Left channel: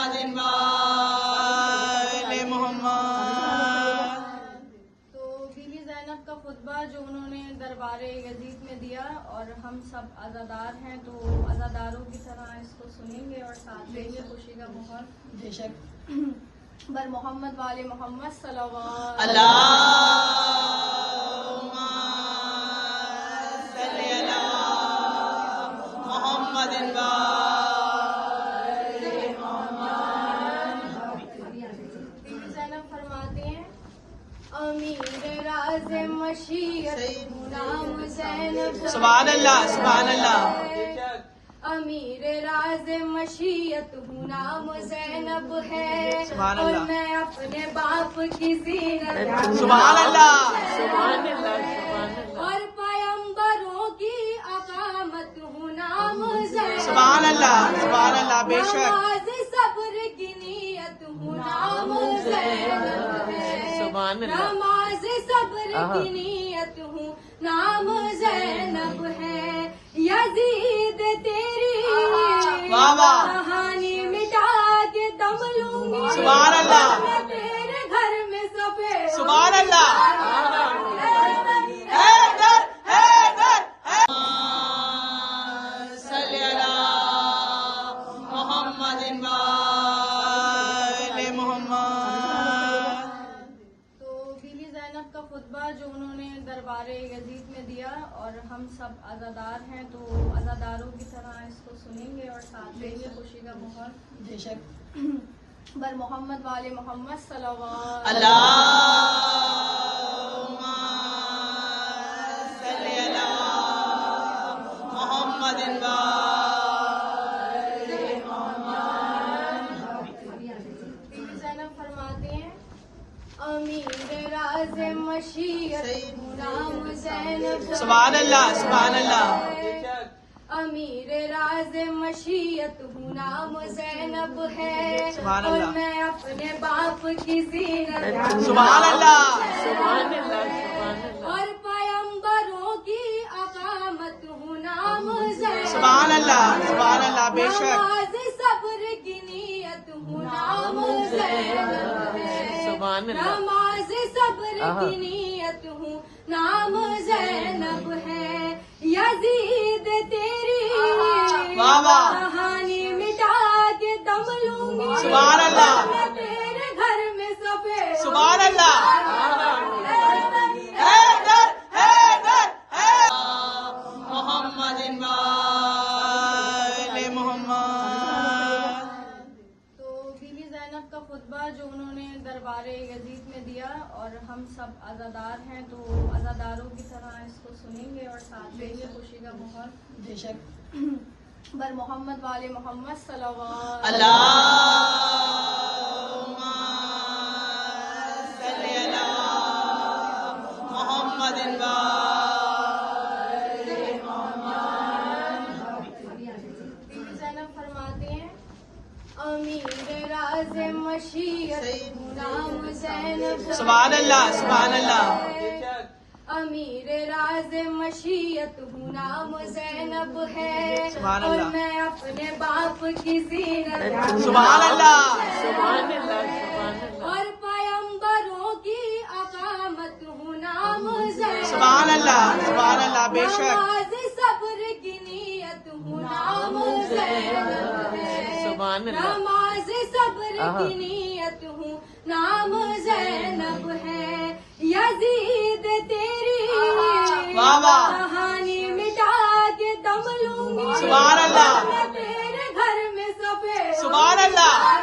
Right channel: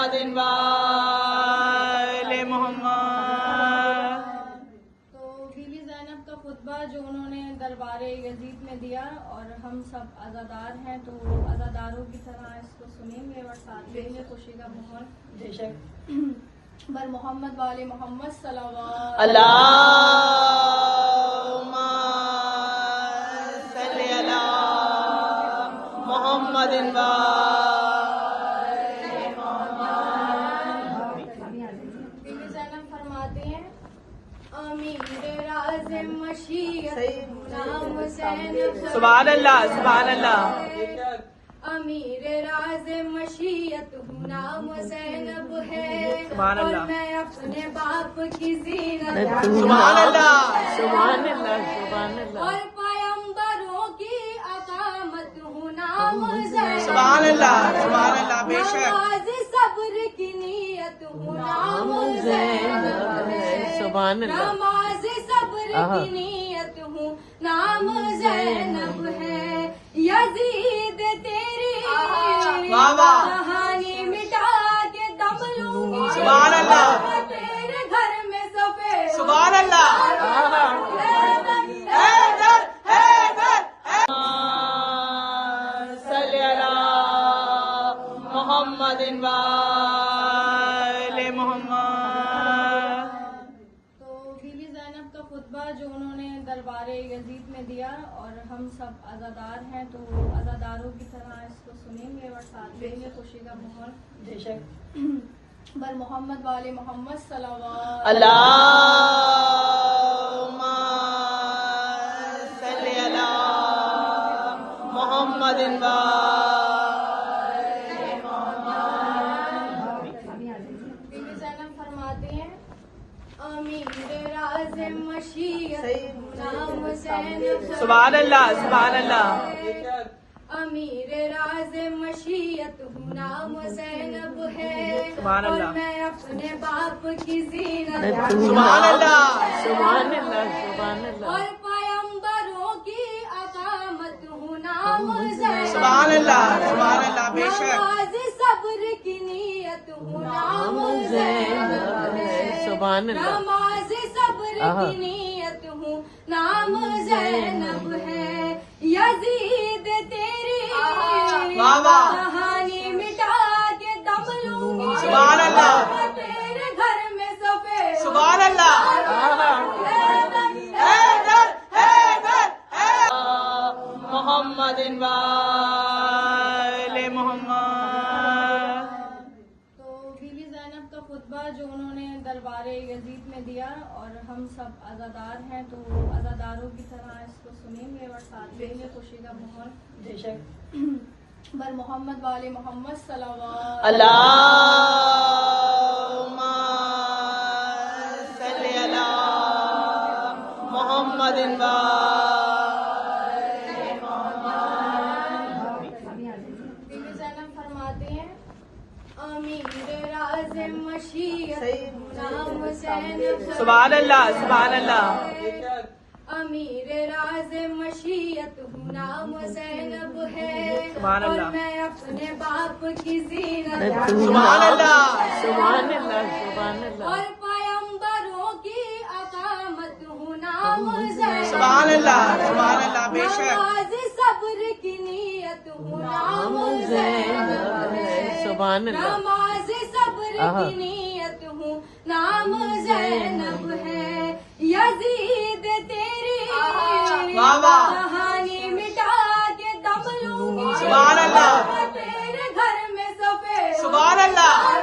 محمد وآل محمد۔ تو be be زینب کا خطبہ جو انہوں نے دربار یزید میں دیا، اور ہم سب عزادار ہیں تو عزاداروں کی طرح اس کو سنیں گے اور ساتھ دیں گے خوشی کا ماحول بر محمد والے محمد صلی اللہ اللہم صلی علی محمد زینب فرماتی ہیں امیر راز مشیت نام زینب، سبحان اللہ سبحان اللہ۔ امیر راز مشیت نام زینب ہے، سبحان اور اللہ۔ میں اپنے باپ کی زینت، سبحان اللہ۔ اور پیمبروں کی اقامت ہوں نام زینب، سبحان اللہ سبحان اللہ، بے شک۔ نماز صبر کی نیت ہوں نام زینب ہے، نماز صبر کی نیت ہوں نام زینب ہے، یزید تیری واہ واہ، کہانی مٹا کے دم لوں گی، سبحان اللہ۔ میں تیرے گھر میں سفید، سبحان اللہ۔ حیدر حیدر صلی علی محمد وآل محمد۔ تو بی بی زینب کا خطبہ جو انہوں نے دربار یزید میں دیا، اور ہم سب عزادار ہیں تو عزاداروں کی طرح اس کو سنیں گے اور ساتھ دیں گے خوشی کا ماحول بر محمد والے محمد صلی اللہ اللہم صلی علی محمد زینب فرماتی ہیں امیر راز مشیت نام زینب، سبحان اللہ سبحان اللہ۔ امیر راز مشیت نام زینب ہے، سبحان اور اللہ۔ میں اپنے باپ کی زینت، سبحان اللہ۔ اور پیمبروں کی اقامت ہوں نام زینب، سبحان اللہ سبحان اللہ، بے شک۔ نماز صبر کی نیت ہوں نام زینب ہے، نماز صبر کی نیت ہوں نام زینب ہے، یزید تیری واہ واہ، کہانی مٹا کے دم لوں گی، سبحان اللہ۔ میں تیرے گھر میں سفید، سبحان اللہ۔ حیدر حیدر محمد وآل محمد۔ تو بی بی زینب کا خطبہ جو انہوں نے دربار یزید میں دیا، اور ہم سب عزادار ہیں تو عزاداروں کی طرح اس کو سنیں گے اور ساتھ دیں گے خوشی کا ماحول بر محمد والے محمد صلی اللہ اللہم صلی علی محمد زینب فرماتی ہیں امیر راز مشیت نام زینب، سبحان اللہ سبحان اللہ۔ امیر راز مشیت نام زینب ہے، سبحان اور اللہ۔ میں اپنے باپ کی زینت، سبحان اللہ۔ اور پیمبروں کی اقامت ہوں نام زینب، سبحان اللہ سبحان اللہ، بے شک۔ نماز صبر کی نیت ہوں نام زینب ہے، نماز صبر کی نیت ہوں نام زینب ہے، یزید تیری واہ واہ، کہانی مٹا کے دم لوں گی، سبحان اللہ۔ میں تیرے گھر میں سفید، سبحان اللہ۔